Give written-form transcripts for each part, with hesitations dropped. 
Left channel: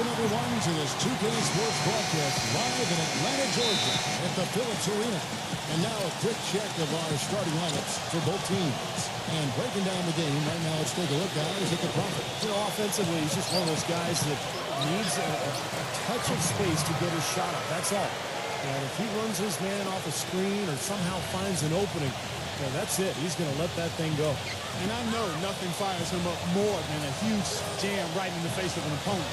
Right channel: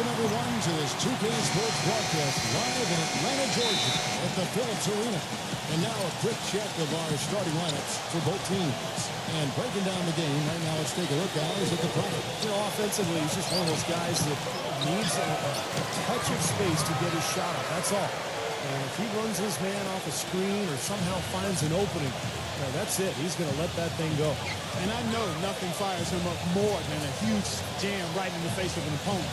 Welcome, everyone, to this 2K Sports broadcast live in Atlanta, Georgia at the Phillips Arena. And now a quick check of our starting lineups for both teams. And breaking down the game right now, let's take a look, guys, at the Prophet. You know, offensively, he's just one of those guys that needs a touch of space to get his shot up. That's all. And if he runs his man off a screen or somehow finds an opening, that's it. He's going to let that thing go. And I know nothing fires him up more than a huge jam right in the face of an opponent.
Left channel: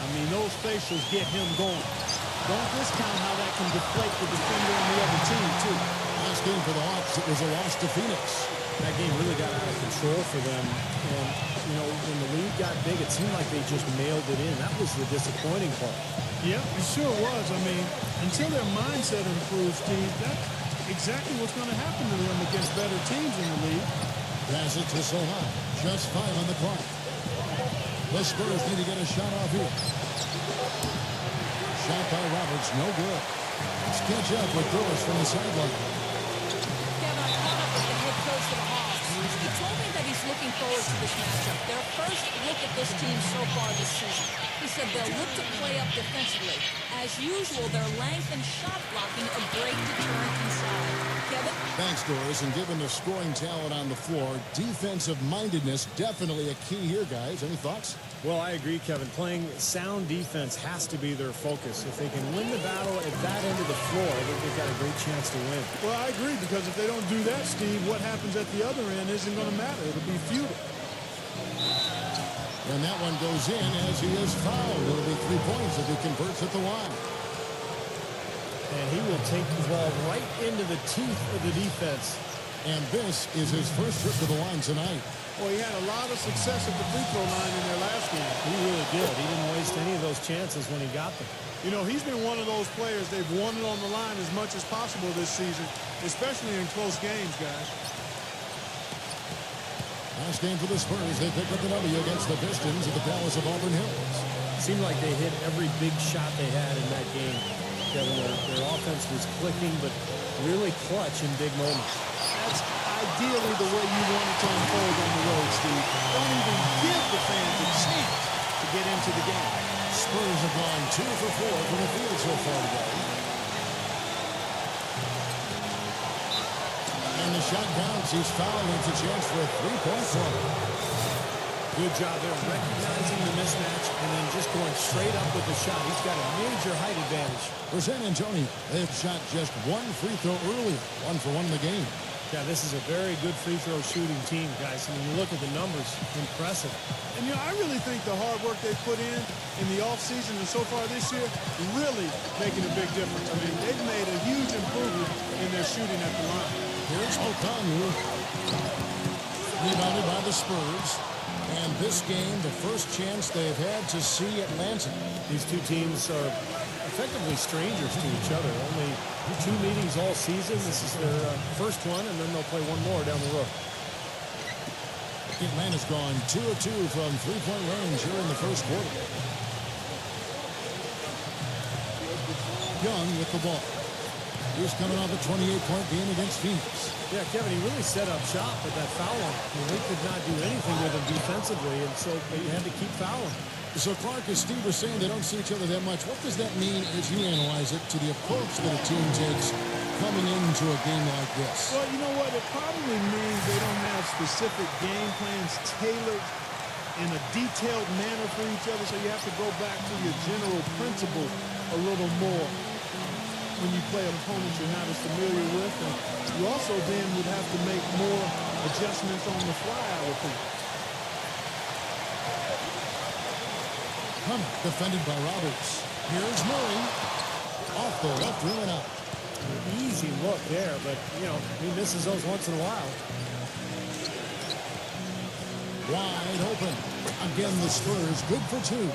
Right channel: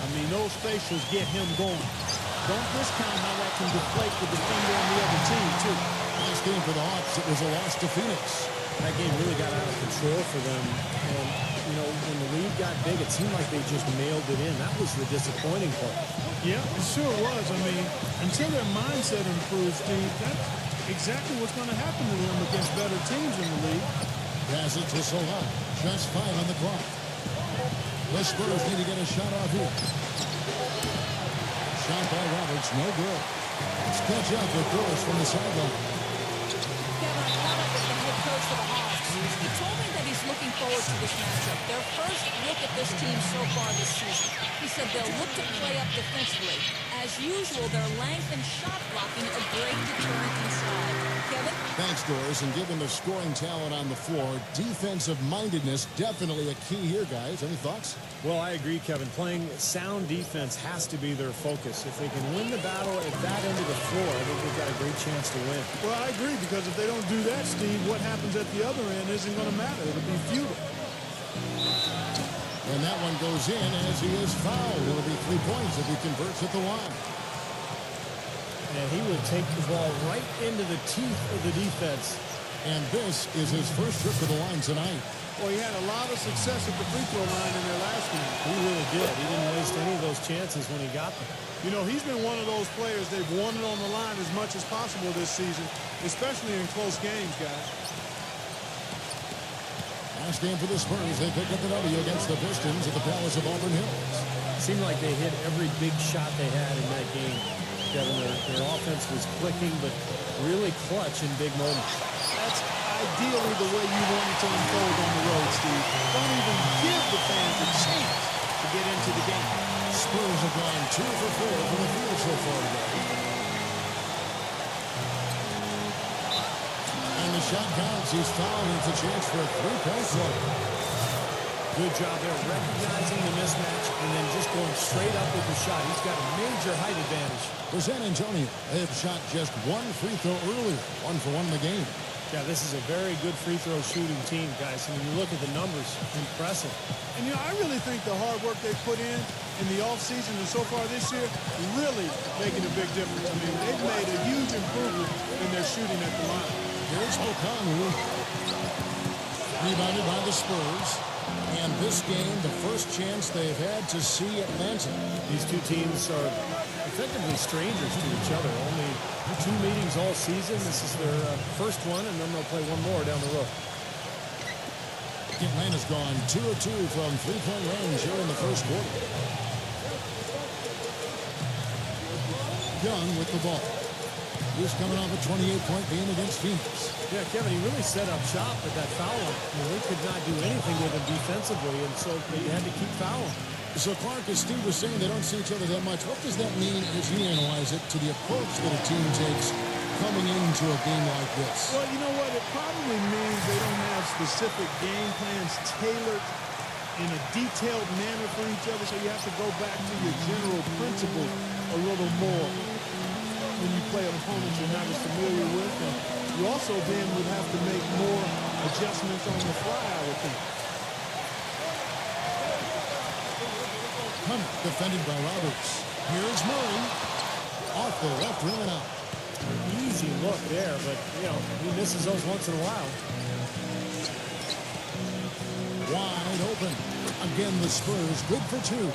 I mean, those facials get him going. Don't discount how that can deflate the defender and the other team, too. Last game for the Hawks, it was a loss to Phoenix. That game really got out of control for them. And, you know, when the lead got big, it seemed like they just mailed it in. That was the disappointing part. Yeah, it sure was. I mean, until their mindset improves, Steve, that's exactly what's going to happen to them against better teams in the league. Pass it to Sohan. Just 5 on the clock. The Spurs need to get a shot off here. Shot by Roberts, no good. Let's catch up with Doris from the sideline. Kevin, I caught up with the head coach for the Hawks. He told me that he's looking forward to this matchup. Their first look at this team so far this season. He said they'll look to play up defensively. As usual, their length and shot blocking a great deterrent inside. Kevin? Thanks, Doris. And given the scoring talent on the floor, defensive mindedness definitely a key here, guys. Any thoughts? Well, I agree, Kevin. Playing sound defense has to be their focus. If they can win the battle at that end of the floor, I think they've got a great chance to win. Well, I agree, because if they don't do that, Steve, what happens at the other end isn't going to matter. It'll be futile. And that one goes in as he is fouled. It'll be 3 points if he converts at the line. And he will take the ball right into the teeth of the defense. And this is his first trip to the line tonight. Well, he had a lot of success at the free throw line in their last game. He really did. He didn't waste any of those chances when he got them. You know, he's been one of those players they've wanted on the line as much as possible this season, especially in close games, guys. Last game for the Spurs, they picked up the W against the Pistons at the Palace of Auburn Hills. Seemed like they hit every big shot they had in that game. Kevin, their offense was clicking, but really clutch in big moments. That's ideally the way you want it to unfold on the road, Steve. Don't even give the fans a chance to get into the game. Spurs have gone 2 for 4 from the field so far today. And the shot counts. He's fouled, and it's a chance for a 3-point play. Good job there recognizing the mismatch and then just going straight up with the shot. He's got a major height advantage. For San Antonio, they have shot just 1 free throw earlier, 1 for 1 in the game. Yeah, this is a very good free throw shooting team, guys. I mean, you look at the numbers, impressive. And, you know, I really think the hard work they put in the offseason and so far this year really making a big difference. I mean, they've made a huge improvement in their shooting at the line. Here's Okongwu. Rebounded by the Spurs. And this game, the first chance they've had to see Atlanta. These two teams are effectively strangers to each other. Only 2 meetings all season. This is their first one, and then they'll play one more down the road. Atlanta's gone 2 of 2 from 3-point range here in the first quarter. Young with the ball. He's coming off a 28-point game against Phoenix. Yeah, Kevin, he really set up shop with that foul line. I mean, they could not do anything with him defensively, and so they had to keep fouling. So, Clark, as Steve was saying, they don't see each other that much. What does that mean as you analyze it to the approach that a team takes coming into a game like this? Well, you know what? It probably means they don't have specific game plans tailored in a detailed manner for each other, so you have to go back to your general principles a little more when you play an opponent you're not as familiar with. And you also then would have to make more adjustments on the fly, I would think. Hunter defended by Roberts. Here is Murray. Off the left rim and out. Easy look there, but, you know, he misses those once in a while. Wide open. Again, the Spurs good for 2.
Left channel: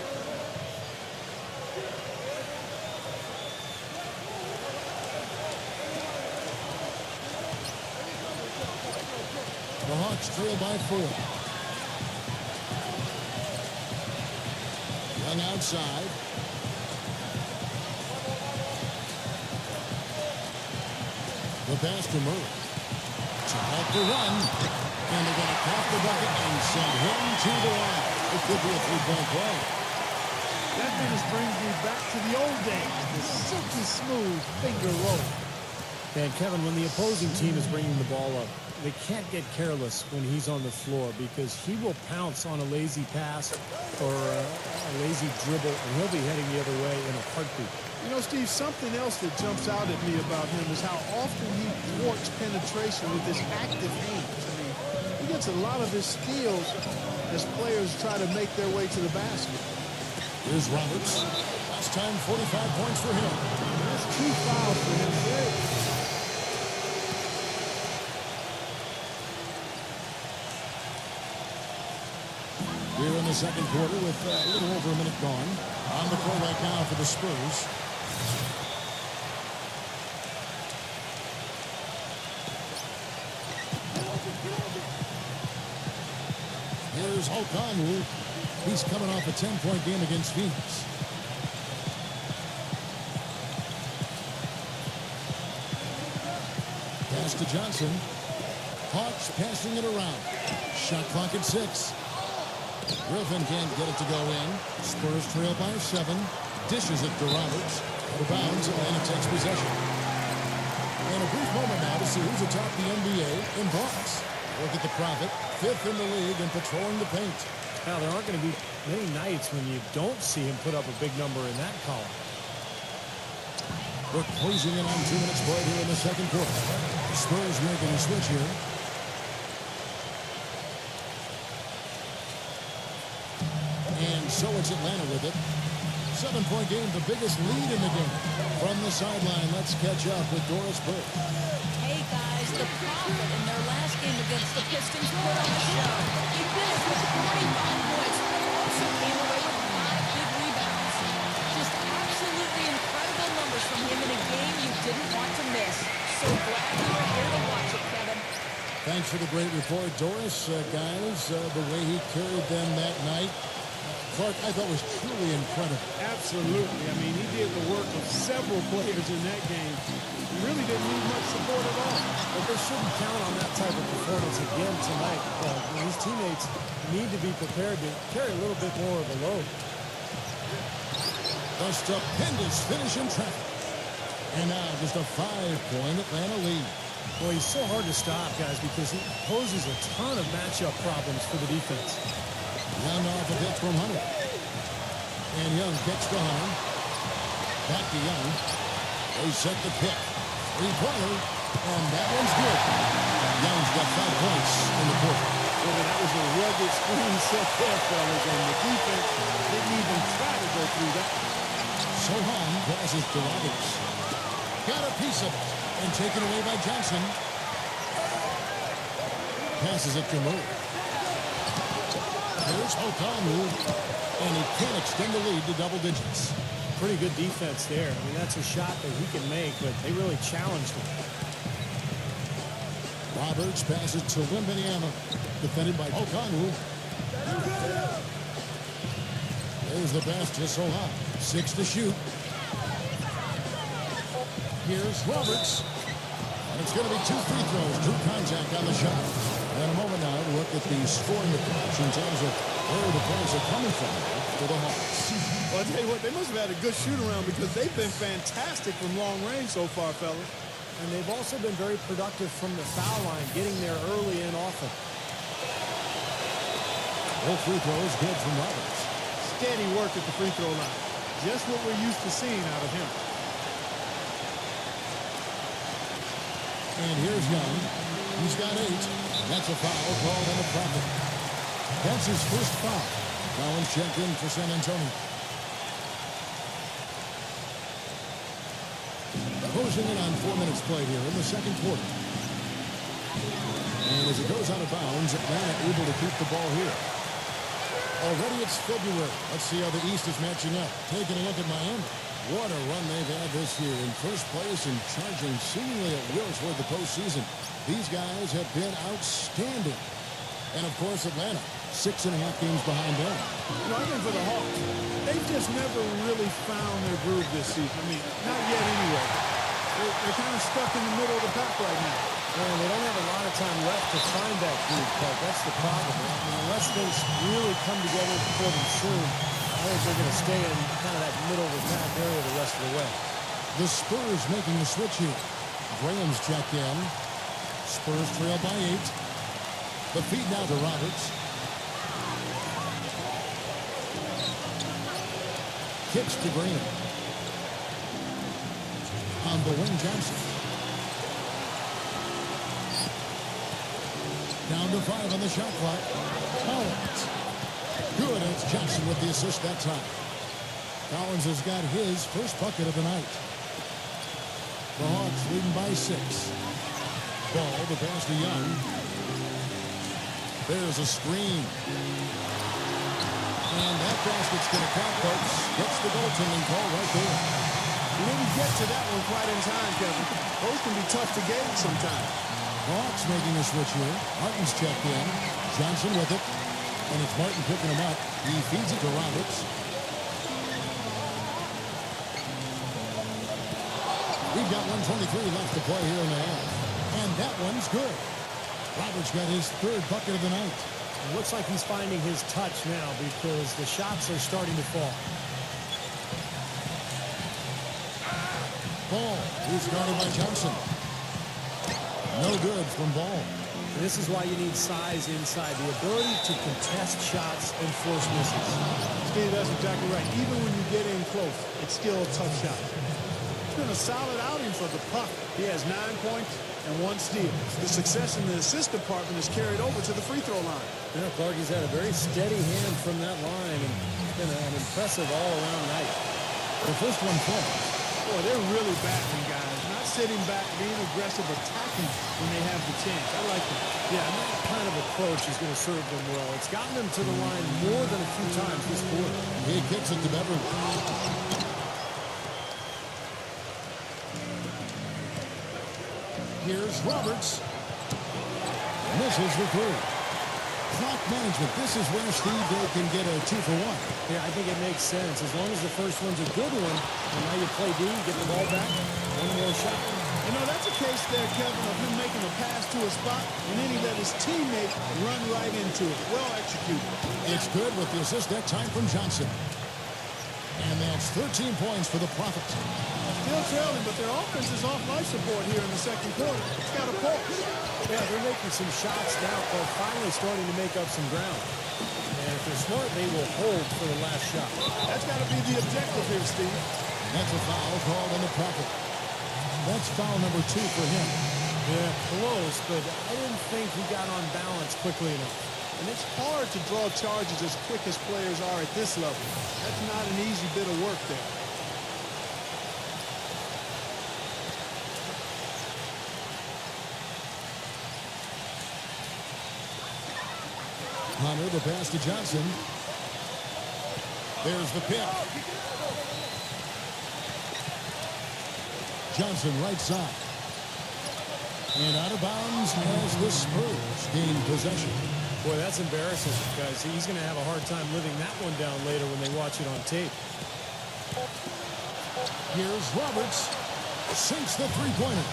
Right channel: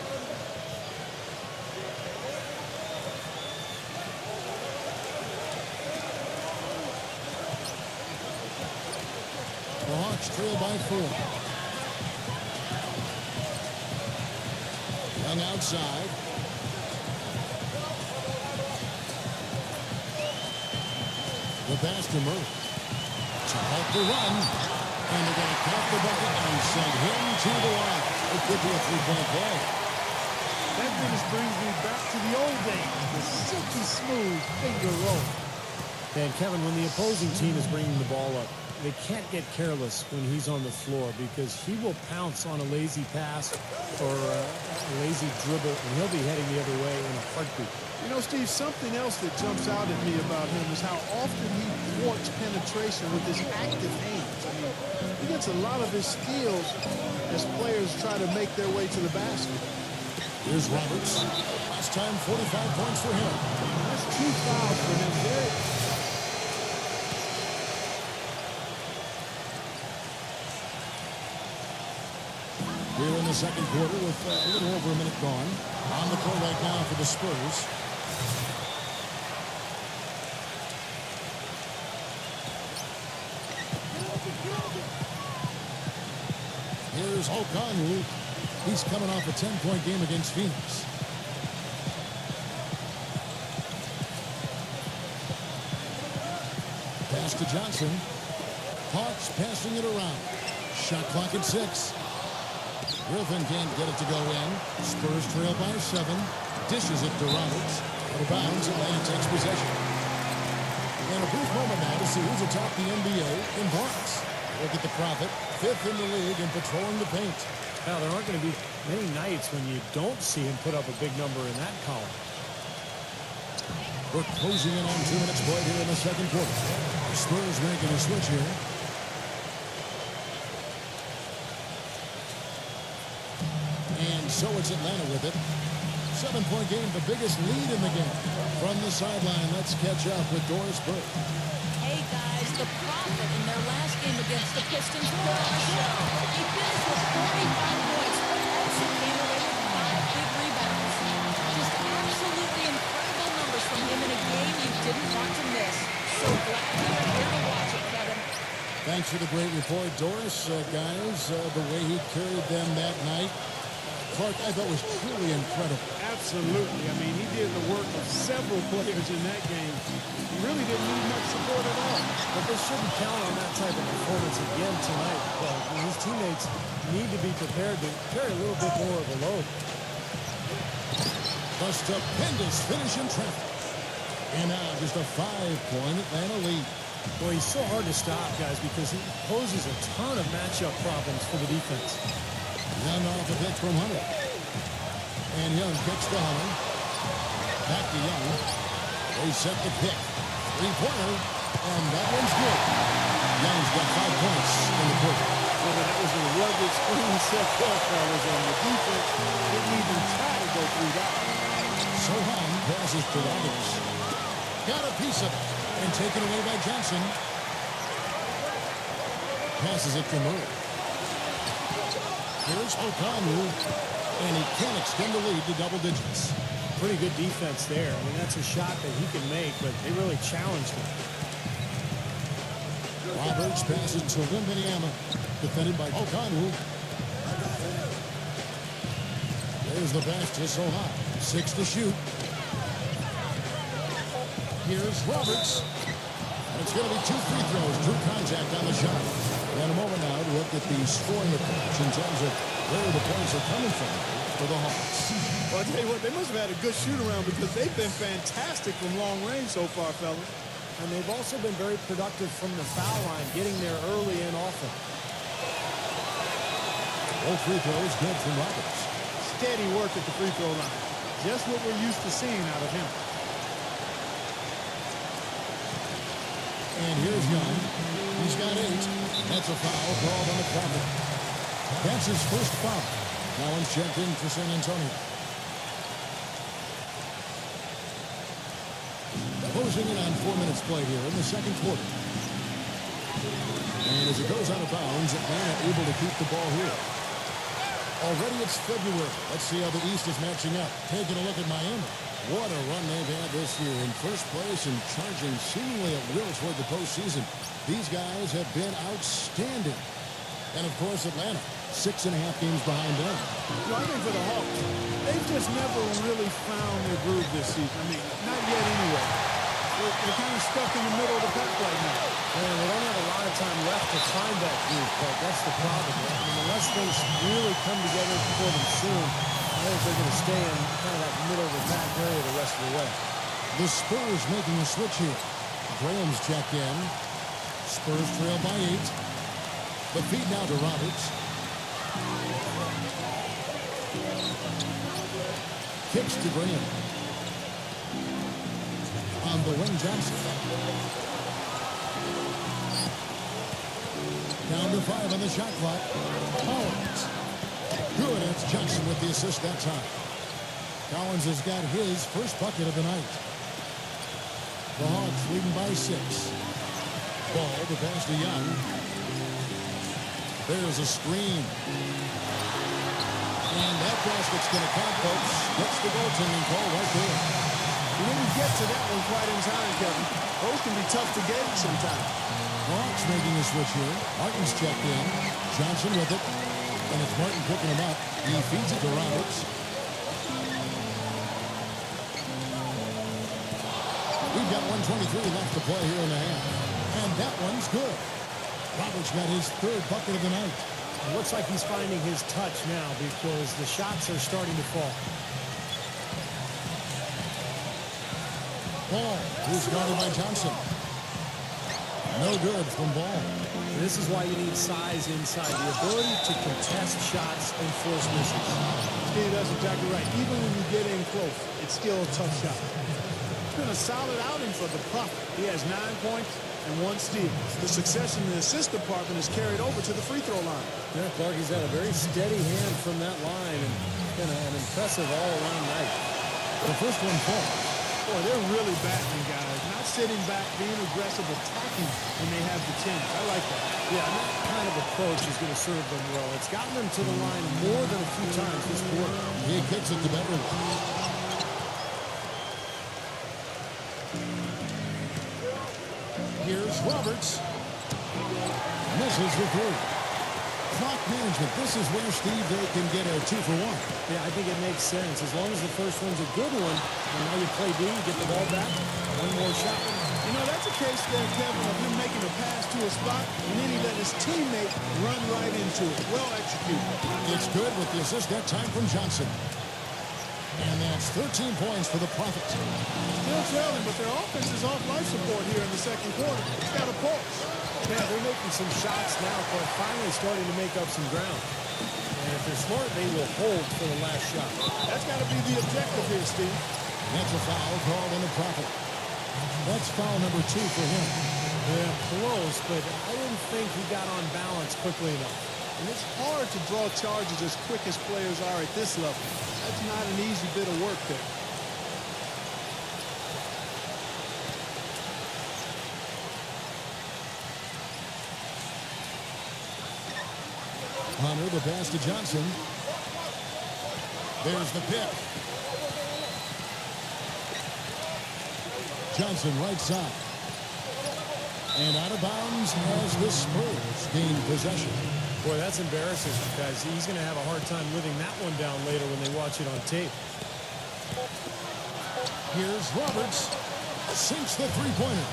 The Hawks trail by 4. Young outside. The pass to Murray. To halt the run. And they're going to count the bucket and send him to the line. It could be a 3-point play. That finish brings me back to the old days, the silky smooth finger roll. And Kevin, when the opposing team is bringing the ball up, they can't get careless when he's on the floor because he will pounce on a lazy pass or a lazy dribble, and he'll be heading the other way in a heartbeat. You know, Steve, something else that jumps out at me about him is how often he thwarts penetration with his active hands. I mean, he gets a lot of his steals as players try to make their way to the basket. Here's Roberts. Last time, 45 points for him. That's 2 fouls for him. Here in the second quarter with a little over a minute gone. On the court right now for the Spurs. Here's Okongwu. He's coming off a 10-point game against Phoenix. Pass to Johnson. Hawks passing it around. Shot clock at 6. Griffin can't get it to go in. Spurs trail by 7. Dishes it to Roberts. Out of bounds, Atlanta takes possession. And a brief moment now to see who's atop the NBA in blocks. Look at the Prophet, 5th in the league in patrolling the paint. Now, there aren't going to be many nights when you don't see him put up a big number in that column. We're closing in on 2 minutes play here in the second quarter. The Spurs making a switch here. And so it's Atlanta with it. 7-point game, the biggest lead in the game. From the sideline, let's catch up with Doris Burke. Hey, guys, the Prophet in their last game against the Pistons put on a show. He finished with 45 points, but also came away with 5 big rebounds. Just absolutely incredible numbers from him in a game you didn't want to miss. So glad you were here to watch it, Kevin. Thanks for the great report, Doris. Guys, the way he carried them that night, Clark, I thought was truly incredible. Absolutely. I mean, he did the work of several players in that game. He really didn't need much support at all. But they shouldn't count on that type of performance again tonight. Well, his teammates need to be prepared to carry a little bit more of the load. The stupendous finish in traffic. And now just a 5-point Atlanta lead. Boy, he's so hard to stop, guys, because he poses a ton of matchup problems for the defense. Young off a pitch from Hunter. And Young kicks to Hunter. Back to Young. They set the pick. 3-pointer. And that one's good. Young's got 5 points in the quarter. Boy, that was a rugged screen set there, fellas. And the defense didn't even try to go through that. Sohan passes to Roberts. Got a piece of it. And taken away by Johnson. Passes it to Murray. Here's Okongwu, and he can't extend the lead to double digits. Pretty good defense there. I mean, that's a shot that he can make, but they really challenged him. Roberts passes to Wembanyama, defended by Okongwu. There's the pass to Sohan. 6 to shoot. Here's Roberts, and it's going to be 2 free throws. Drew contact on the shot. And a moment now to look at the scoring approach in terms of where the points are coming from for the Hawks. Well, I'll tell you what, they must have had a good shoot-around because they've been fantastic from long range so far, fellas. And they've also been very productive from the foul line, getting there early and often. All free throws good from Roberts. Steady work at the free throw line. Just what we're used to seeing out of him. And here's Young. He's got 8. That's a foul called on the Prophet. That's his first foul. Collins checked in for San Antonio. Closing in on 4 minutes played here in the second quarter. And as it goes out of bounds, Atlanta able to keep the ball here. Already it's February. Let's see how the East is matching up. Taking a look at Miami. What a run they've had this year. In first place and charging seemingly at will toward the postseason. These guys have been outstanding. And, of course, Atlanta, 6.5 games behind them. You know, I think for the Hawks, they've just never really found their groove this season. I mean, not yet anyway. They're kind of stuck in the middle of the pack right now. Man, they don't have a lot of time left to find that groove, Clark. That's the problem. I mean, unless things really come together for them soon, I think they're going to stay in kind of that middle of attack area the rest of the way. The Spurs making a switch here. Graham's checked in. Spurs trail by 8. The feed now to Roberts. Kicks to Graham. On the wing, Johnson. Down to 5 on the shot clock. Collins. Good, and it's Johnson with the assist that time. Collins has got his first bucket of the night. The Hawks leading by 6. Ball, the pass to Young. There's a screen. And that basket's going to count, folks. Gets the goaltending call right there. He didn't get to that one quite in time, Kevin. Those can be tough to gauge sometimes. Hawks making a switch here. Martin's checked in. Johnson with it. And it's Martin picking him up. He feeds it to Roberts. We've got 1:23 left to play here in the half. And that one's good. Roberts got his third bucket of the night. It looks like he's finding his touch now because the shots are starting to fall. Ball is guarded by Johnson. No good from Ball. This is why you need size inside, the ability to contest shots and force misses. Steve, that's exactly right. Even when you get in close, it's still a tough shot. It's been a solid outing for the Prophet. He has 9 points and 1 steal. His success in the assist department is carried over to the free throw line. Yeah, Clark, he's had a very steady hand from that line, and it's been an impressive all-around night. The first one falls. Boy, they're really battling, guys. Not sitting back, being aggressive, attacking when they have the chance. I like that. Yeah, and that kind of approach is going to serve them well. It's gotten them to the line more than a few times this quarter. He kicks it to Beverly. Here's Roberts. Misses the 3. Clock management. This is where, Steve, they can get a 2-for-1. Yeah, I think it makes sense. As long as the first one's a good one, and now you play D, you get the ball back, one more shot. You know, that's a case there, Kevin, of him making a pass to a spot, and then he let his teammate run right into it. Well executed. It's good with the assist that time from Johnson. And that's 13 points for the Prophet. Still trailing, but their offense is off life support here in the second quarter. It's got a pulse. Yeah, they're making some shots now, but finally starting to make up some ground. And if they're smart, they will hold for the last shot. That's got to be the objective here, Steve. And that's a foul called on the Prophet. That's foul number 2 for him. Yeah, close, but I didn't think he got on balance quickly enough. And it's hard to draw charges as quick as players are at this level. That's not an easy bit of work there. Hunter, the pass to Johnson. There's the pick. Johnson right side. And out of bounds as the Spurs gain possession. Boy, that's embarrassing, guys. He's going to have a hard time living that one down later when they watch it on tape. Here's Roberts. Sinks the three-pointer.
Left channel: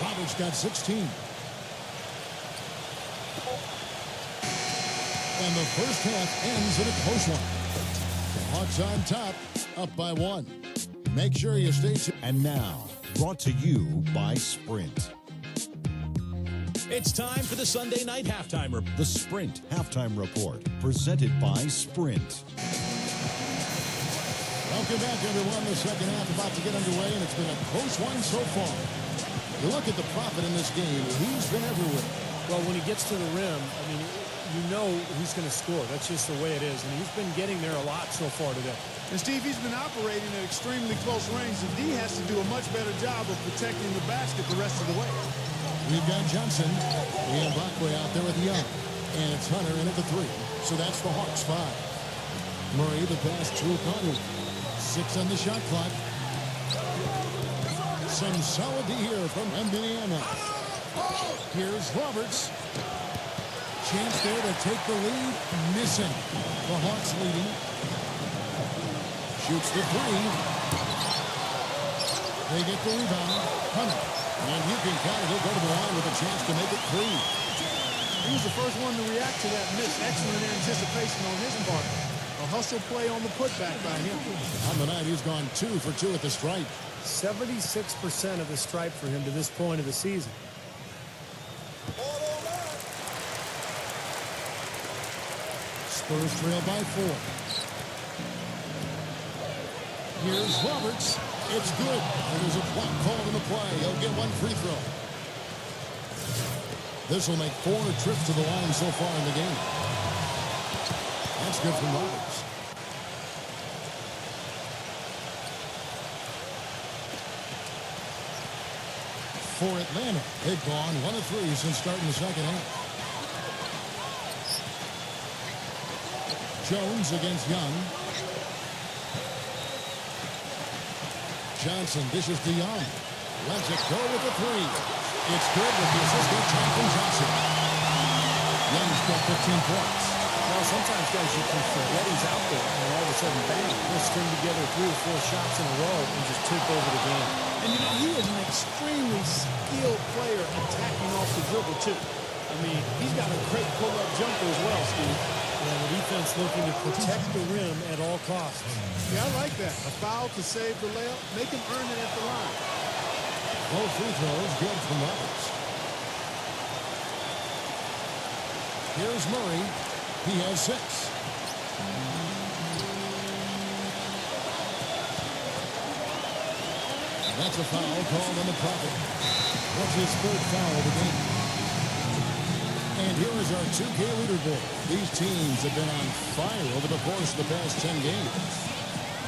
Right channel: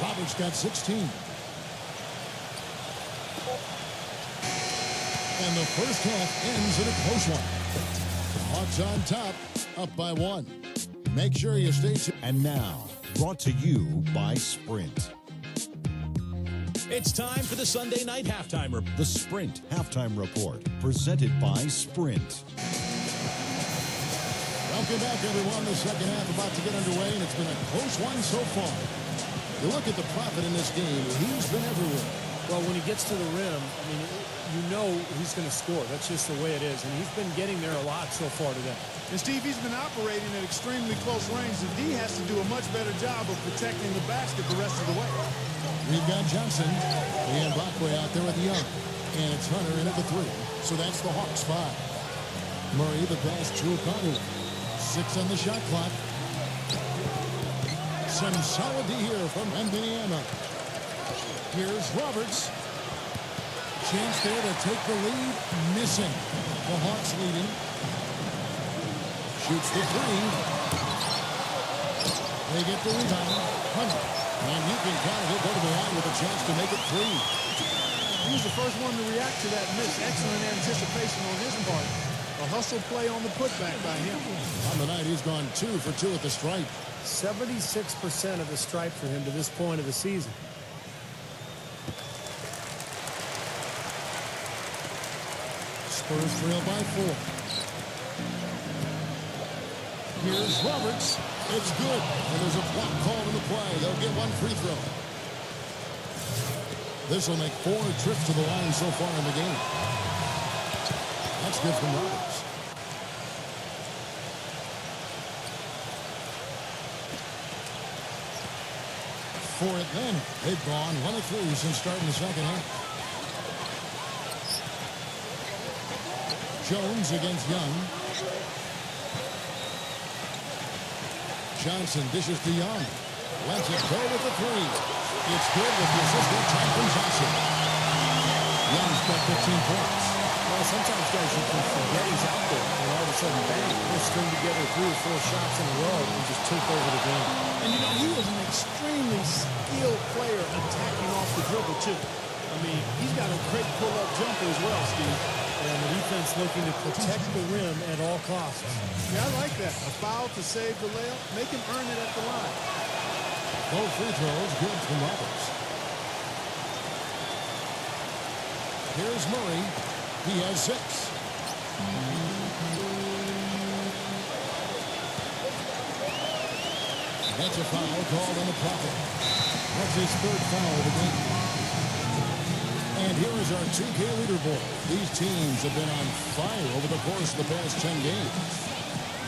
Roberts got 16. And the first half ends in a close one. The Hawks on top, up by 1. Make sure you stay tuned. And now, brought to you by Sprint. It's time for the Sunday night halftime report. The Sprint Halftime Report, presented by Sprint. Welcome back, everyone. The second half about to get underway, and it's been a close one so far. You look at the Prophet in this game, he's been everywhere. Well, when he gets to the rim, I mean, you know he's going to score. That's just the way it is, and he's been getting there a lot so far today. And, Steve, he's been operating at extremely close range. The D has to do a much better job of protecting the basket the rest of the way. We've got Johnson and Bakwe out there with Young. And it's Hunter in at the 3. So that's the Hawks 5. Murray, the pass to Okongwu. 6 on the shot clock. Some solid D here from Wembanyama. Here's Roberts. Chance there to take the lead. Missing. The Hawks leading. Shoots the 3. They get the rebound. Hunter. And you can count it. He'll go to the line with a chance to make it 3. He was the first one to react to that miss. Excellent anticipation on his part. A hustle play on the putback by him. On the night, he's gone 2 for 2 at the stripe. 76% of the stripe for him to this point of the season. Spurs trail by 4. Here's Roberts. It's good. And there's a block called in the play. He'll get 1 free throw. This will make 4 trips to the line so far in the game. That's good from Roberts. For Atlanta, they've gone 1 of 3 since starting the second half. Jones against Young. Johnson dishes to Young. Lets it go with the 3. It's good with the assist that time from Johnson. Young's got 15 points. Well, sometimes, guys, you can forget he's out there, and all of a sudden, bang, he'll string together 3 or 4 shots in a row and just take over the game. And, you know, he is an extremely skilled player attacking off the dribble, too. I mean, he's got a great pull-up jumper as well, Steve. And the defense looking to protect the rim at all costs. Yeah, I like that. A foul to save the layup. Make him earn it at the line. Both free throws good from Roberts. Here's Murray. He has 6. That's a foul called on the Prophet. What's his 3rd foul of the game? And here is our 2K leaderboard. These teams have been on fire over the course of the past 10 games.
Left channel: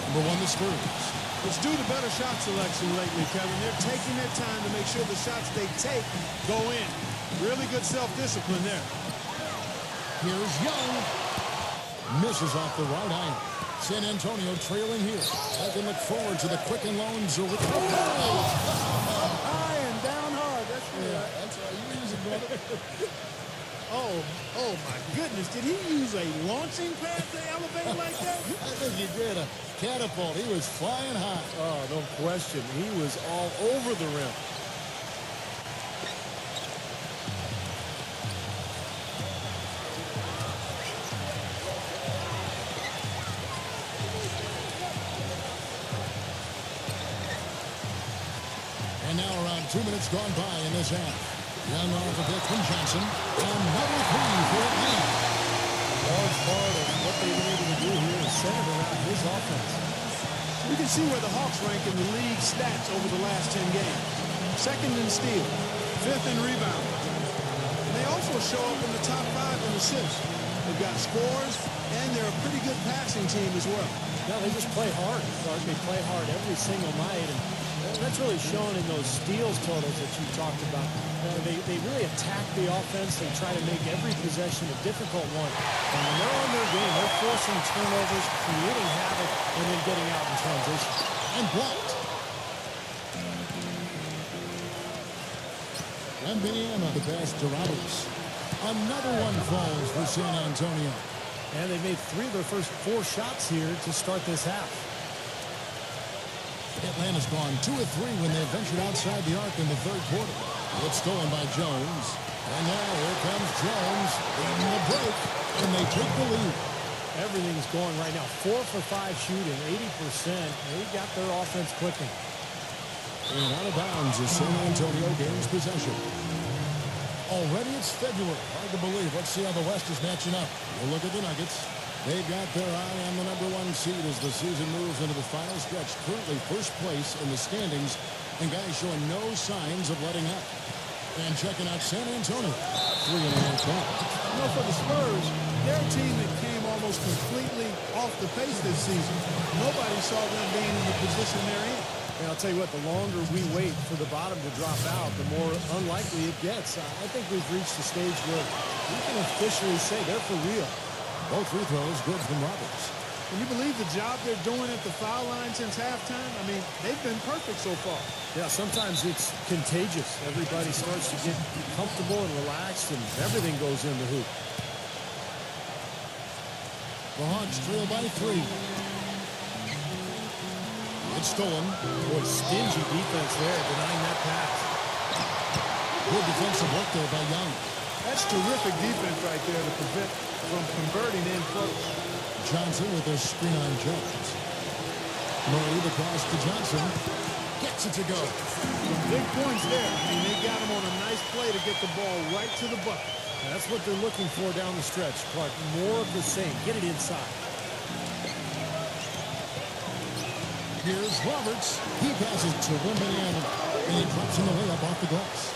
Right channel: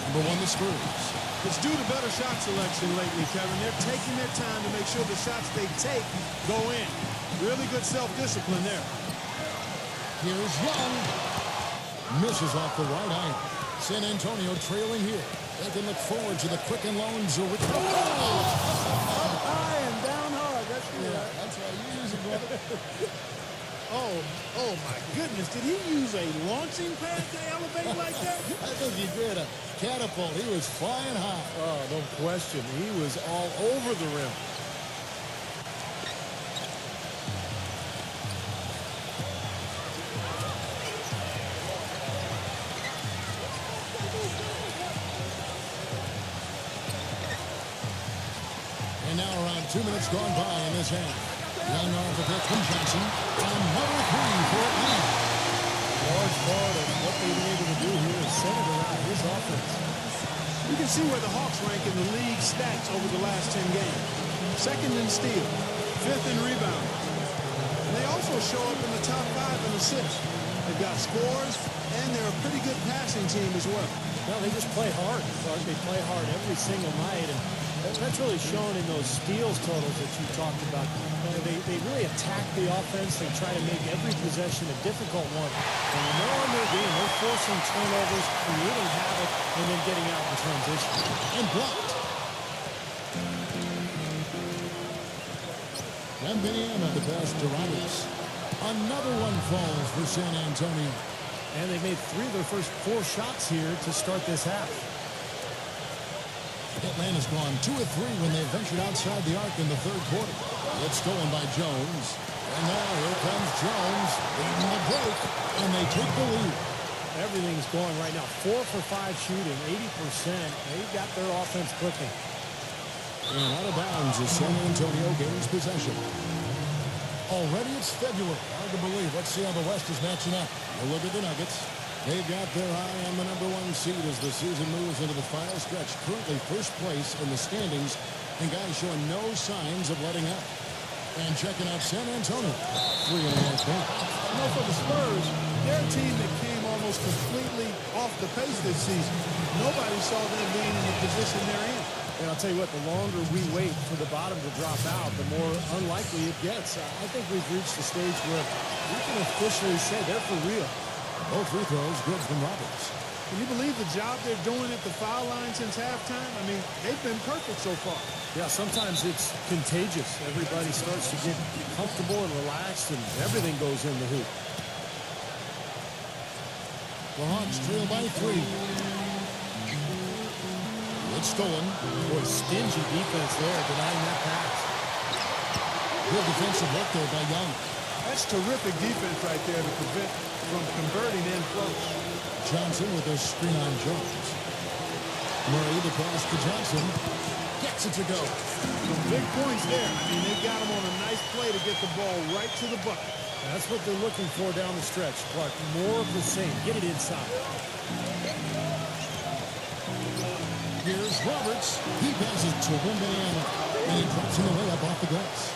Number 1, the Spurs. It's due to better shot selection lately, Kevin. They're taking their time to make sure the shots they take go in. Really good self-discipline there. Here's Young. Misses off the right iron. San Antonio trailing here. They can look forward to the Quicken Loans. Up high and down hard. That's right. That's right. You use it, brother. Oh my goodness. Did he use a launching pad to elevate like that? I think he did. A catapult. He was flying high. Oh, no question. He was all over the rim. And now around 2 minutes gone by in this half. Young off a bit from Johnson. Another 3 for Atlanta. A large part of what they've been able to do here is centered around his offense. You can see where the Hawks rank in the league stats over the last 10 games. 2nd in steals, 5th in rebounding. And they also show up in the top 5 in assists. They've got scores, and they're a pretty good passing team as well. No, they just play hard, Clark. They play hard every single night, and that's really shown in those steals totals that you talked about. They really attack the offense. They try to make every possession a difficult one. And when they're on their game, they're forcing turnovers, creating havoc, and then getting out in transition. And blocked. Wembanyama, the pass to Roberts. Another one falls for San Antonio. And they've made 3 of their first 4 shots here to start this half. Atlanta's gone 2 of 3 when they ventured outside the arc in the 3rd quarter. It's stolen by Jones. And now here comes Jones leading the break, and they take the lead. Everything's going right now. 4 for 5 shooting, 80%. They got their offense clicking. And out of bounds as San Antonio gains possession. Already it's February. Hard to believe. Let's see how the West is matching up. You look at the Nuggets. They've got their eye on the number 1 seed as the season moves into the final stretch. Currently first place in the standings, and guys showing no signs of letting up. And checking out San Antonio, 3.5 points. You know, for the Spurs, they're a team that came almost completely off the pace this season. Nobody saw them being in the position they're in. And I'll tell you what, the longer we wait for the bottom to drop out, the more unlikely it gets. I think we've reached a stage where we can officially say they're for real. Both free throws good from Roberts. Can you believe the job they're doing at the foul line since halftime? I mean, they've been perfect so far. Yeah, sometimes it's contagious. Everybody starts to get comfortable and relaxed, and everything goes in the hoop. The Hawks trail by 3. It's stolen. Boy, stingy defense there, denying that pass. Good defensive work there by Young. That's terrific defense right there to prevent from converting in close. Johnson with a screen on Jones. Murray, the pass to Johnson. Gets it to go. Some big points there. I mean, they got him on a nice play to get the ball right to the bucket. That's what they're looking for down the stretch, Clark. More of the same. Get it inside. Here's Roberts. He passes to Wembanyama, and he drops in the layup off the glass.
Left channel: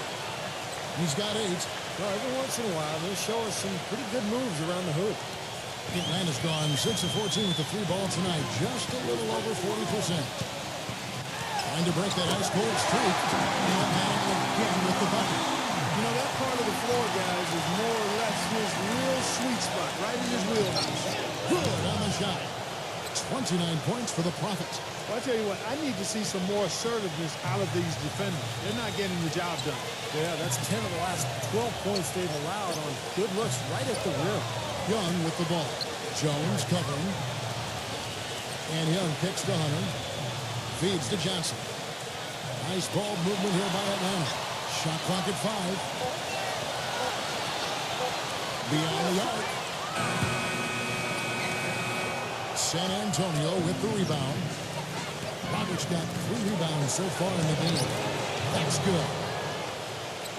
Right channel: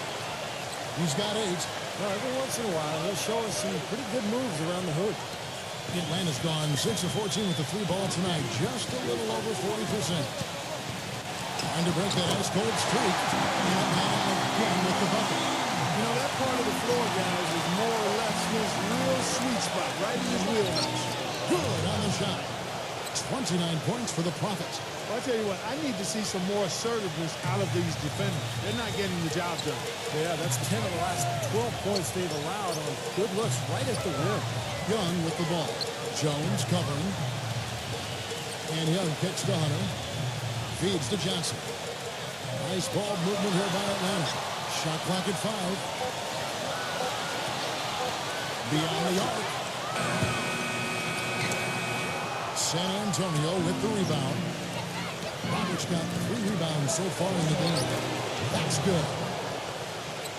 He's got 8. Well, every once in a while, he'll show us some pretty good moves around the hoop. Atlanta's gone 6 of 14 with the 3 ball tonight, just a little over 40%. Trying to break that ice-cold streak, and Atlanta again with the bucket. You know, that part of the floor, guys, is more or less his real sweet spot, right in his wheelhouse. Good on the shot. 29 points for the Prophet. Well, I tell you what, I need to see some more assertiveness out of these defenders. They're not getting the job done. Yeah, that's 10 of the last 12 points they've allowed on good looks right at the rim. Young with the ball. Jones covering. And Young kicks to Hunter. Feeds to Johnson. Nice ball movement here by Atlanta. Shot clock at 5. Beyond the arc. San Antonio with the rebound. Roberts got 3 rebounds so far in the game. That's good.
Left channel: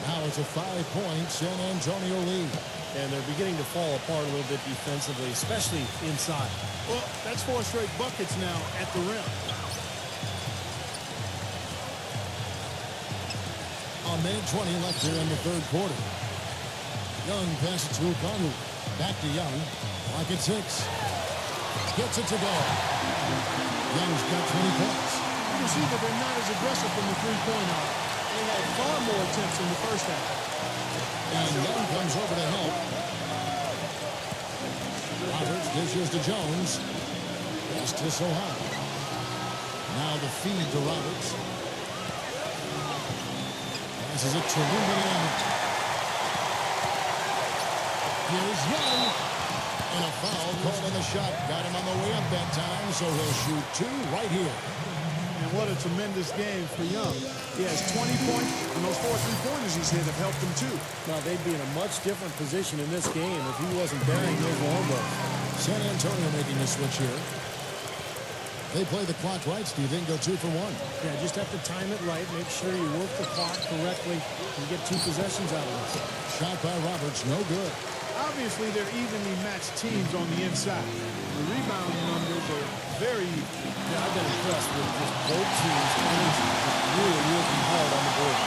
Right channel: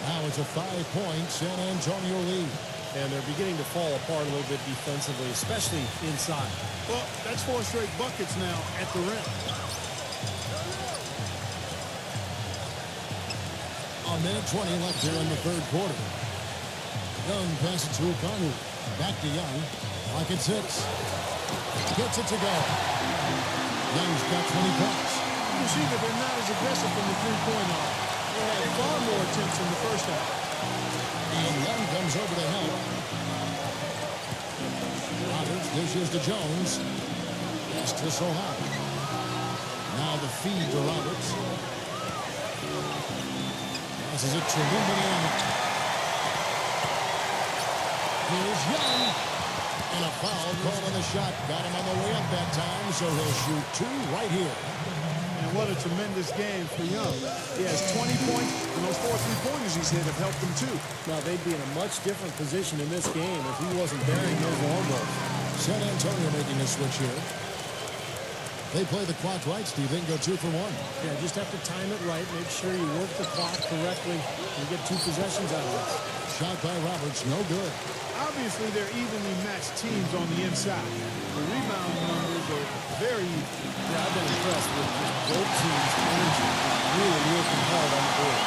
Now it's a 5-point San Antonio lead. And they're beginning to fall apart a little bit defensively, especially inside. Well, that's 4 straight buckets now at the rim. A minute 20 left here in the third quarter. Young passes to Okongwu. Back to Young. Clock at 6. Gets it to go. Young's got 20 points. You can see that they're not as aggressive from the three-point arc. They had far more attempts in the first half. And Young comes over to help. Roberts dishes to Jones. Pass to Sohan. Now the feed to Roberts. Passes it to Wembanyama. Here's Young. And a foul called on the shot. Got him on the way up that time, so he'll shoot 2 right here. And what a tremendous game for Young. He has 20 points, and those 4 3-pointers he's hit have helped him too. Now, they'd be in a much different position in this game if he wasn't burying those long balls. San Antonio making a switch here. They play the clock right, Steve. They can go 2 for 1. Yeah, just have to time it right. Make sure you work the clock correctly. You get 2 possessions out of this. Shot by Roberts, no good. Obviously, they're evenly matched teams on the inside. The rebound numbers are very even. Yeah, I've been impressed with just both teams' energy, just really working hard on the board.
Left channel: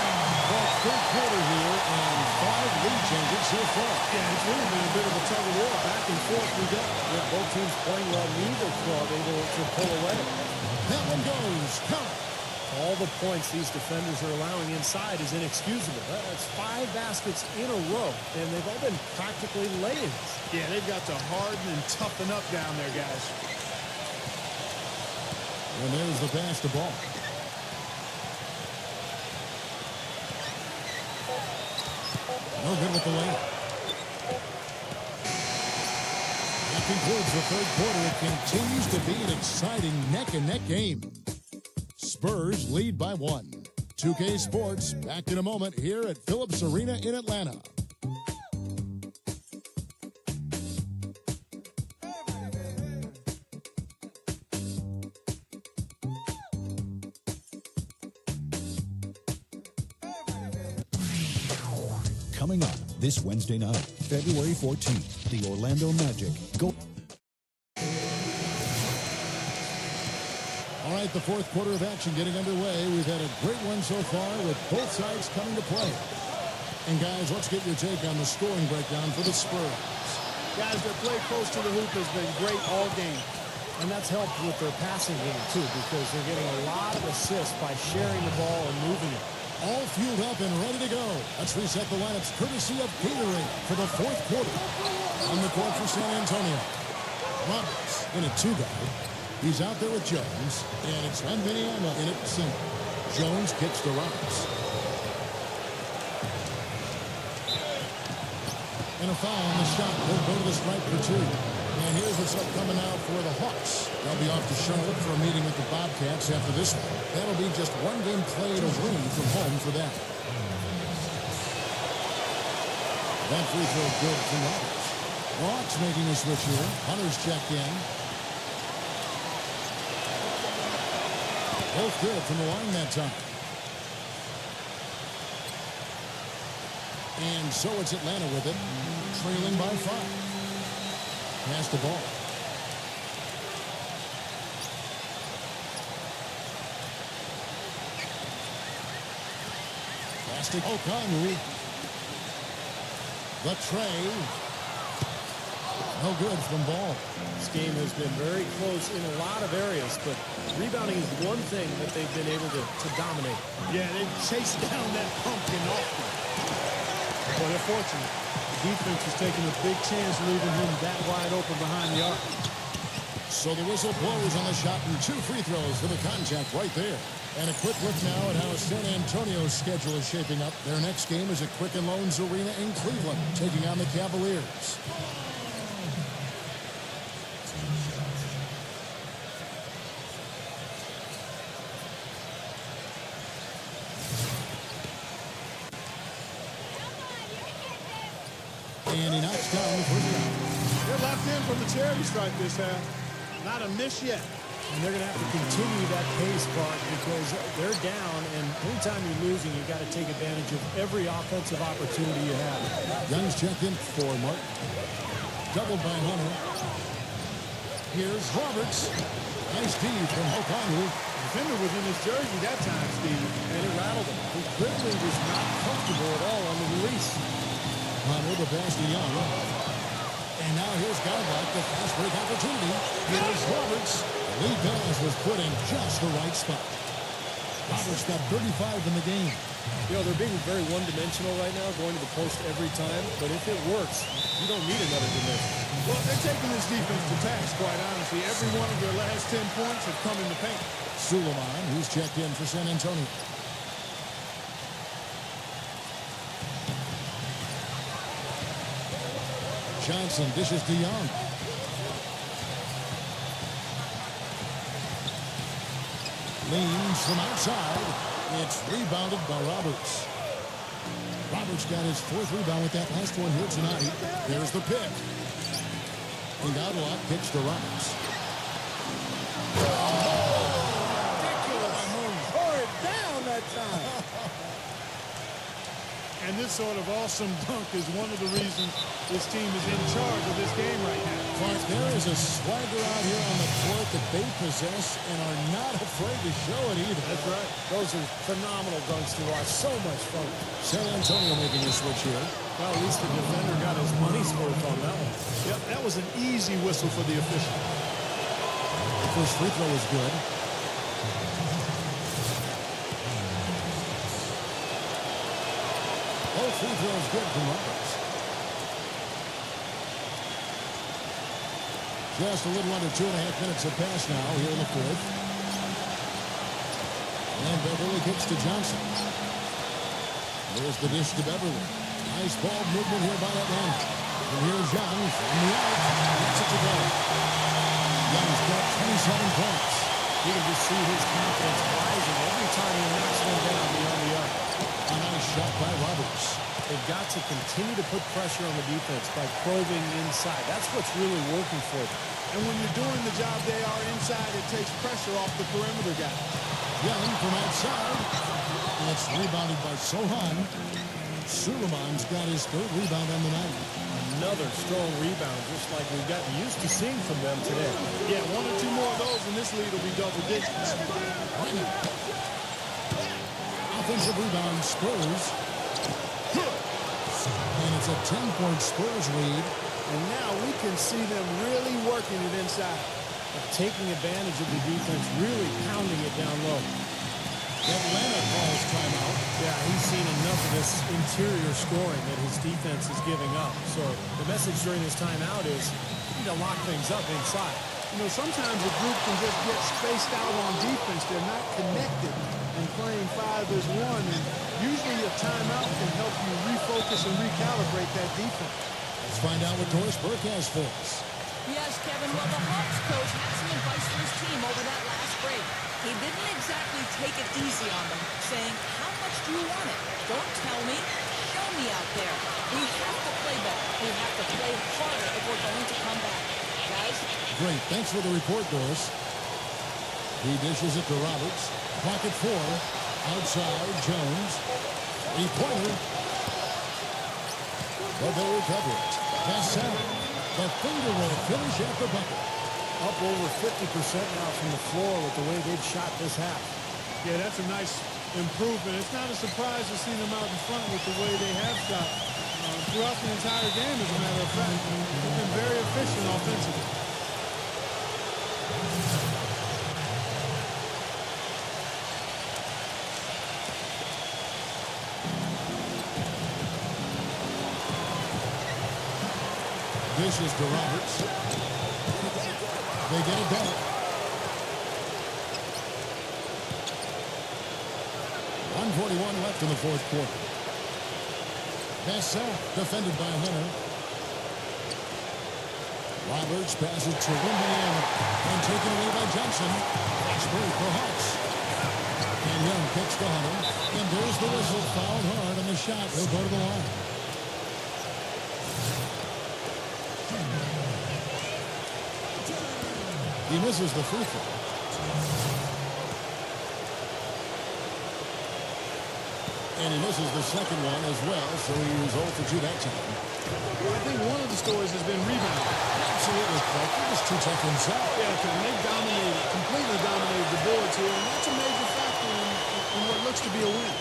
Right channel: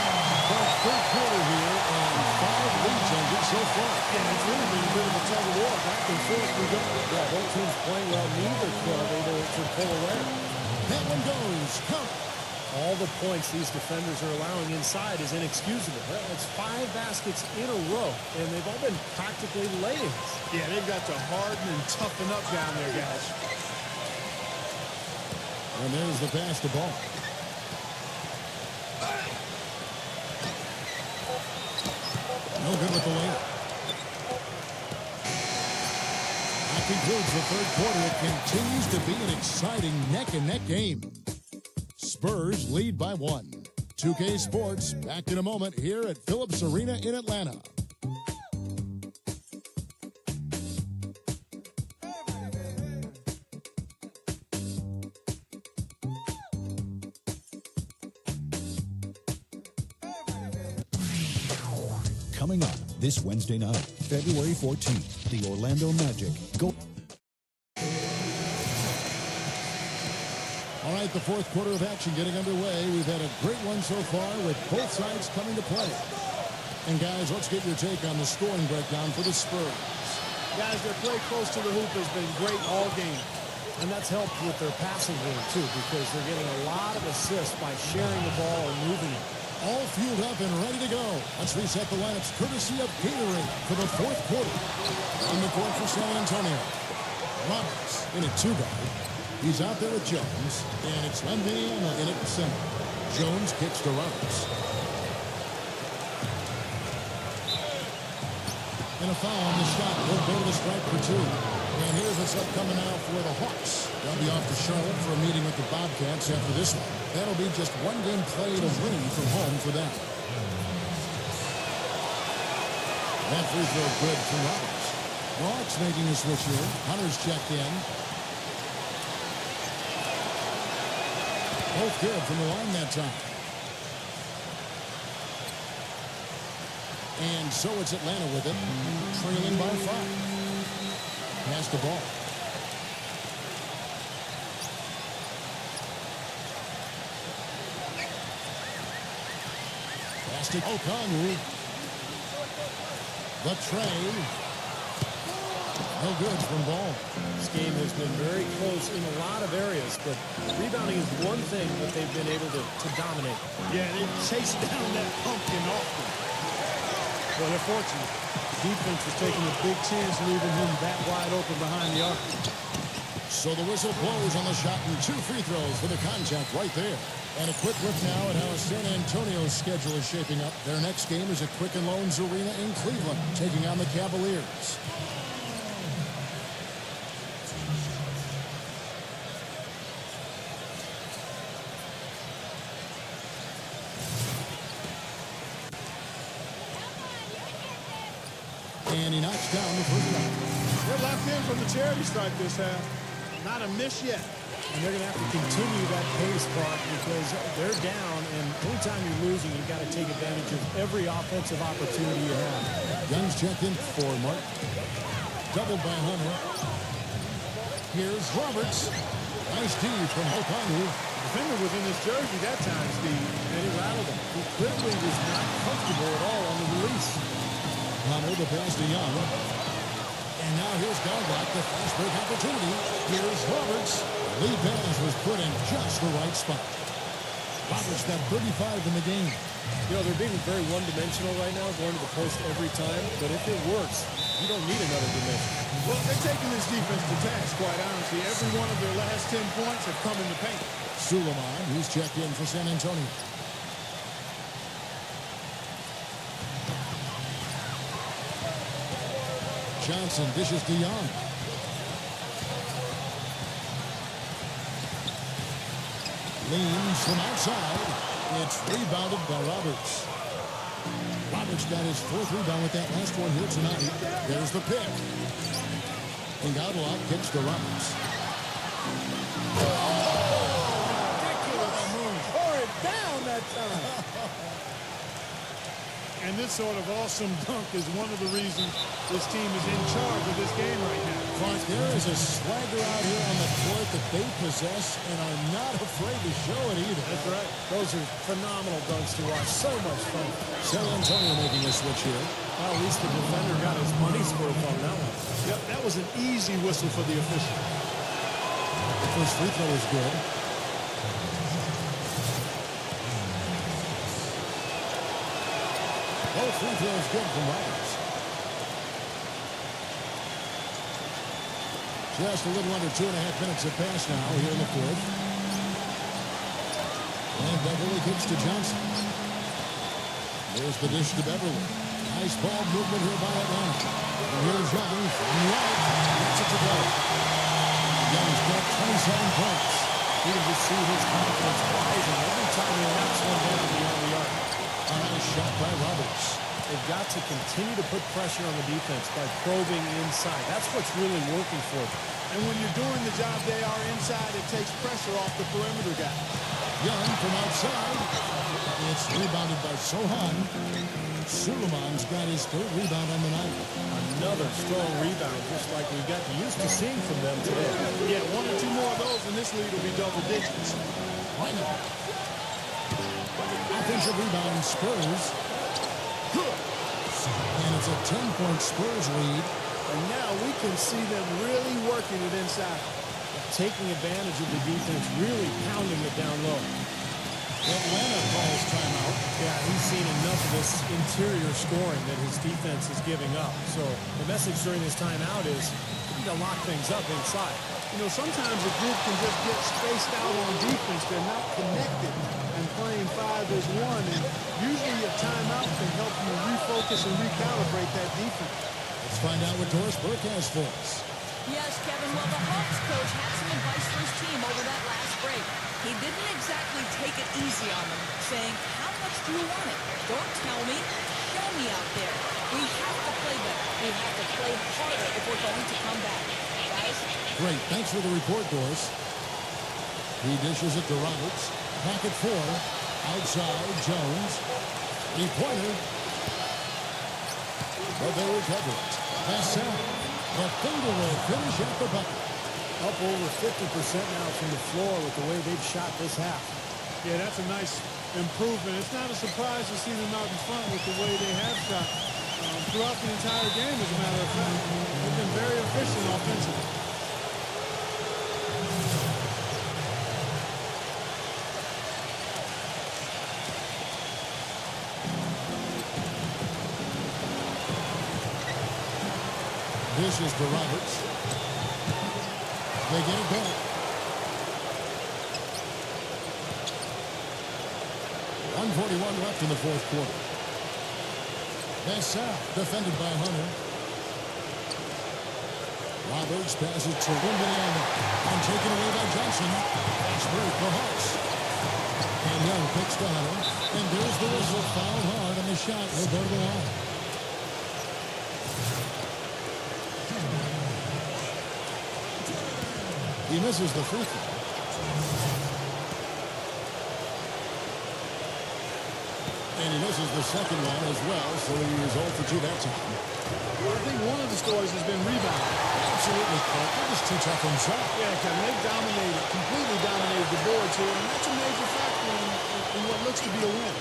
Clark, third quarter here, and 5 lead changes so far. Yeah, it's really been a bit of a tug of war. Back and forth we go. Yeah, both teams playing well. Neither club able to pull away. That one goes. Count it. All the points these defenders are allowing inside is inexcusable. That's 5 baskets in a row, and they've all been practically lay-ins. Yeah, they've got to harden and toughen up down there, guys. And there's the pass to Ball. No good with the layup. That concludes the third quarter. It continues to be an exciting neck-and-neck game. Spurs lead by 1. 2K Sports back in a moment here at Phillips Arena in Atlanta. Coming up this Wednesday night, February 14th, the Orlando Magic go. All right, the fourth quarter of action getting underway. We've had a great one so far with both sides coming to play. And guys, let's get your take on the scoring breakdown for the Spurs. Guys, their play close to the hoop has been great all game. And that's helped with their passing game, too, because they're getting a lot of assists by sharing the ball and moving it. All fueled up and ready to go. Let's reset the lineups courtesy of Gatorade for the fourth quarter. On the court for San Antonio, Roberts in a 2-guard. He's out there with Jones, and it's Wembanyama in at center. Jones kicks to Roberts. And a foul on the shot. He'll go to the stripe for 2. And here's what's upcoming now for the Hawks. They'll be off to Charlotte for a meeting with the Bobcats after this one. That'll be just 1 game played away from home for them. That free throw good from Roberts. Hawks making a switch here. Hunter's checked in. Both good from the line that time. And so it's Atlanta with it, trailing by 5. Pass the ball. Pass to Okongwu. The tray. No good from Ball. This game has been very close in a lot of areas, but rebounding is one thing that they've been able to dominate. Yeah, they chase down that pumpkin often. Well, they're fortunate. The defense was taking a big chance, leaving him that wide open behind the arc. So the whistle blows on the shot and 2 free throws for the contact right there. And a quick look now at how San Antonio's schedule is shaping up. Their next game is at Quicken Loans Arena in Cleveland, taking on the Cavaliers. And he knocks down the first round. They're locked in from the charity stripe this half. Not a miss yet. And they're going to have to continue that pace, Clark, because they're down, and anytime you're losing, you got to take advantage of every offensive opportunity you have. Young's checked in for Martin. Doubled by Hunter. Here's Roberts. Nice D from Okongwu. The defender was in his jersey that time, Steve. And it rattled him. He clearly was not comfortable at all on the release. Hunter, the pass to Young. And now here's Godlock, the fast break opportunity. Here's Roberts. The lead pass was put in just the right spot. Roberts got 35 in the game. You know, they're being very one-dimensional right now, going to the post every time. But if it works, you don't need another dimension. Well, they're taking this defense to task, quite honestly. Every one of their last 10 points have come in the paint. Suleiman, he's checked in for San Antonio. Johnson dishes to Young. Leans from outside. It's rebounded by Roberts. Roberts got his 4th rebound with that last one here tonight. There's the pick. And Godlock kicks to Roberts. Oh, ridiculous. Tore it down that time. And this sort of awesome dunk is one of the reasons this team is in charge of this game right now. Clark, there is a swagger out here on the court that they possess and are not afraid to show it either. That's right. Those are phenomenal dunks to watch. So much fun. San Antonio making a switch here. Well, at least the defender got his money's worth on that one. Yep, that was an easy whistle for the official. The first free throw is good. Both free throws good from Roberts. Just a little under 2.5 minutes have passed now here in the 4th. And Beverly kicks to Johnson. There's the dish to Beverly. Nice ball movement here by Atlanta. And here's Young from the arc. Gets it to go. Young's got 27 points. You can just see his confidence rising every time he knocks one down beyond the arc. A nice shot by Roberts. They've got to continue to put pressure on the defense by probing inside. That's what's really working for them. And when you're doing the job they are inside, it takes pressure off the perimeter guys. Young from outside. It's rebounded by Sohan. Suleiman's got his 3rd rebound on the night. Another strong rebound, just like we've gotten used to seeing from them today. Yeah, 1 or 2 more of those, and this lead will be double digits. Right now. Offensive rebound, Spurs. Good. And it's a 10-point Spurs lead. And now we can see them really working it inside. Now, taking advantage of the defense, really pounding it down low. Atlanta calls timeout. Yeah, he's seen enough of this interior scoring that his defense is giving up. So the message during this timeout is to lock things up inside. You know, sometimes a group can just get spaced out on defense. They're not connected and playing 5 as 1. And usually a timeout can help you refocus and recalibrate that defense. Let's find out what Doris Burke has for us. Yes, Kevin. Well, the Hawks coach had some advice for his team over that last break. He didn't exactly take it easy on them, saying, how much do you want it? Don't tell me. show me out there. We have to play better. We have to play harder if we're going to come back. Guys? Great. Thanks for the report, Doris. He dishes it to Roberts. Clock at 4. Outside, Jones. Three-pointer. But they recover it. Vassell. The finger roll finish at the bucket. Up over 50% now from the floor with the way they've shot this half. Yeah, that's a nice improvement. It's not a surprise to see them out in front with the way they have shot throughout the entire game, as a matter of fact. They've been very efficient offensively. Dishes to Roberts. They get it back. 1:41 left in the fourth quarter. Vassell defended by Hunter. Roberts passes to Wembanyama and taken away by Johnson. Fast break, the Hawks. And Young kicks to Hunter. And there's the whistle. Fouled hard on the shot. He'll go to the line. He misses the free throw. And he misses the second one as well, so he's 0 for 2 that time. Well, I think one of the stories has been rebounding. Absolutely, Clark. They're just too tough inside. Yeah, Kevin, they've dominated, completely dominated the boards here, and that's a major factor in what looks to be a win.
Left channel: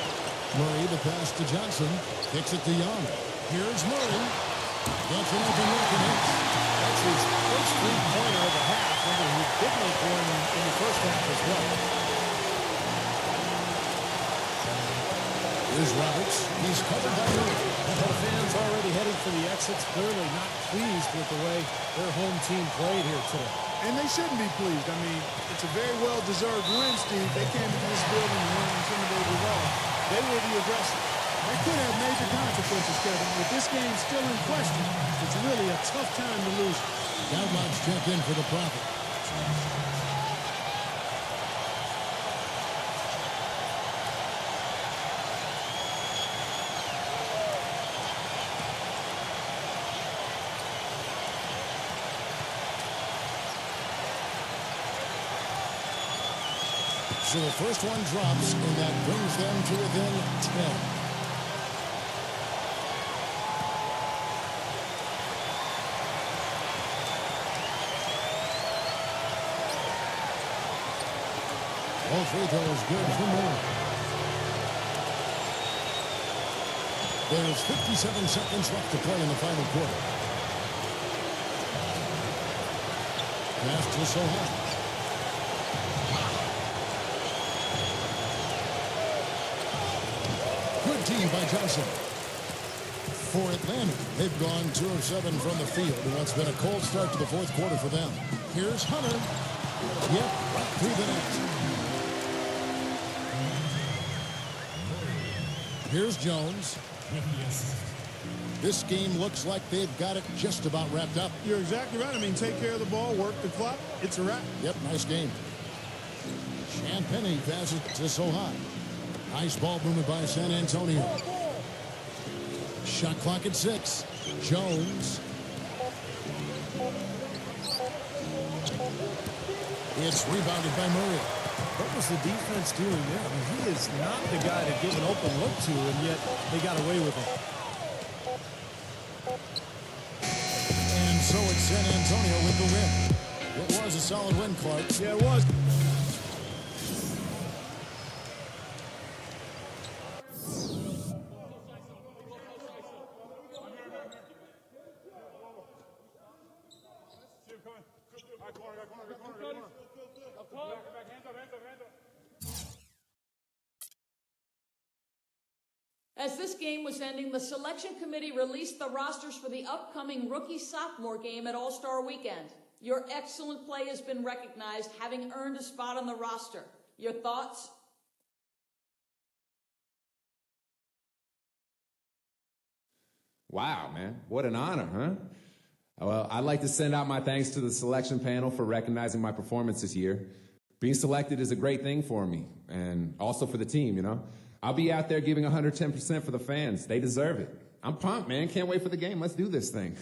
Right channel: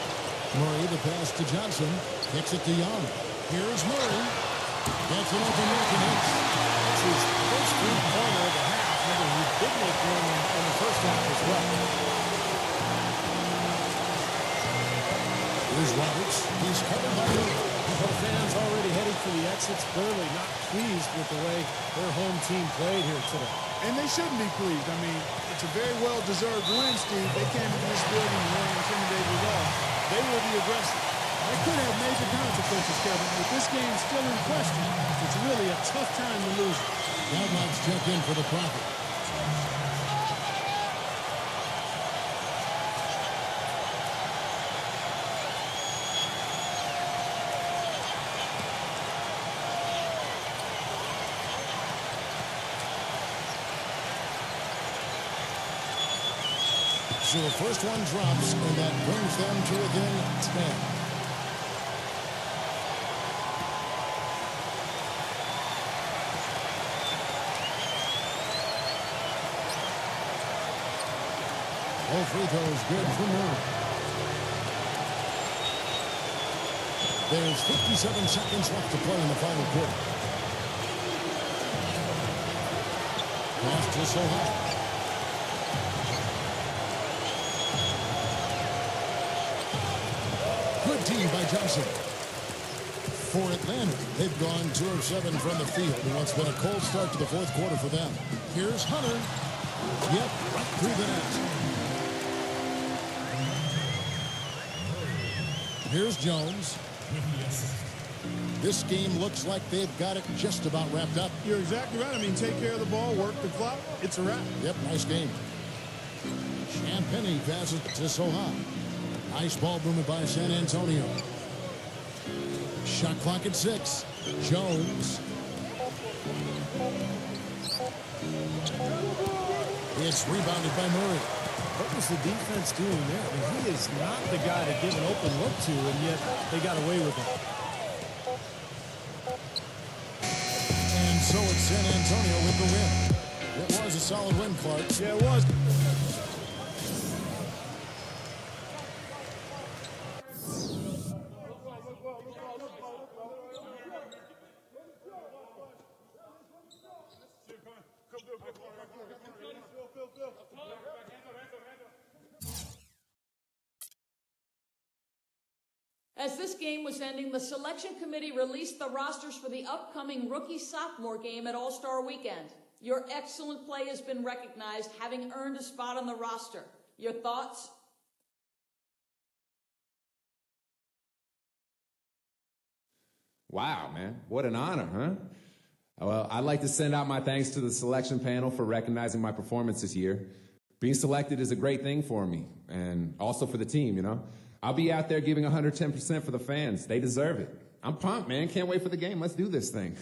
Murray, the pass to Johnson. Kicks it to Young. Here's Murray. Gets an open look and hits. That's his first three-pointer of the half. Remember, he did make one in the first half as well. Here's Roberts. He's covered by Murray. Well, the fans already heading for the exits, clearly not pleased with the way their home team played here today. And they shouldn't be pleased. I mean, it's a very well-deserved win, Steve. They came into this building and weren't intimidated at all. They were the aggressors. That could have major consequences, Kevin. With this game still in question, it's really a tough time to lose it. Downlots check in for the Prophet. So the first one drops, and that brings them to within 10. All free throws good for Murray. There's 57 seconds left to play in the final quarter. Pass to Soha. Good team by Johnson. For Atlanta, they've gone 2 of 7 from the field in what's been a cold start to the fourth quarter for them. Here's Hunter. Yep, right through the net. Here's Jones. With the assist. This game looks like they've got it just about wrapped up. You're exactly right. I mean, take care of the ball, work the clock. It's a wrap. Yep, nice game. Champagny passes to Soha. Nice ball movement by San Antonio. Shot clock at 6. Jones. It's rebounded by Murray. What was the defense doing there? I mean, he is not the guy to give an open look to, and yet they got away with it. And so it's San Antonio with the win. It was a solid win, Clark. Yeah, it was. As this game was ending, the selection committee released the rosters for the upcoming rookie-sophomore game at All-Star Weekend. Your excellent play has been recognized, having earned a spot on the roster. Your thoughts? Wow, man. What an honor, huh? Well, I'd like to send out my thanks to the selection panel for recognizing my performance this year. Being selected is a great thing for me, and also for the team, you know. I'll be out there giving 110% for the fans. They deserve it. I'm pumped, man. Can't wait for the game. Let's do this thing.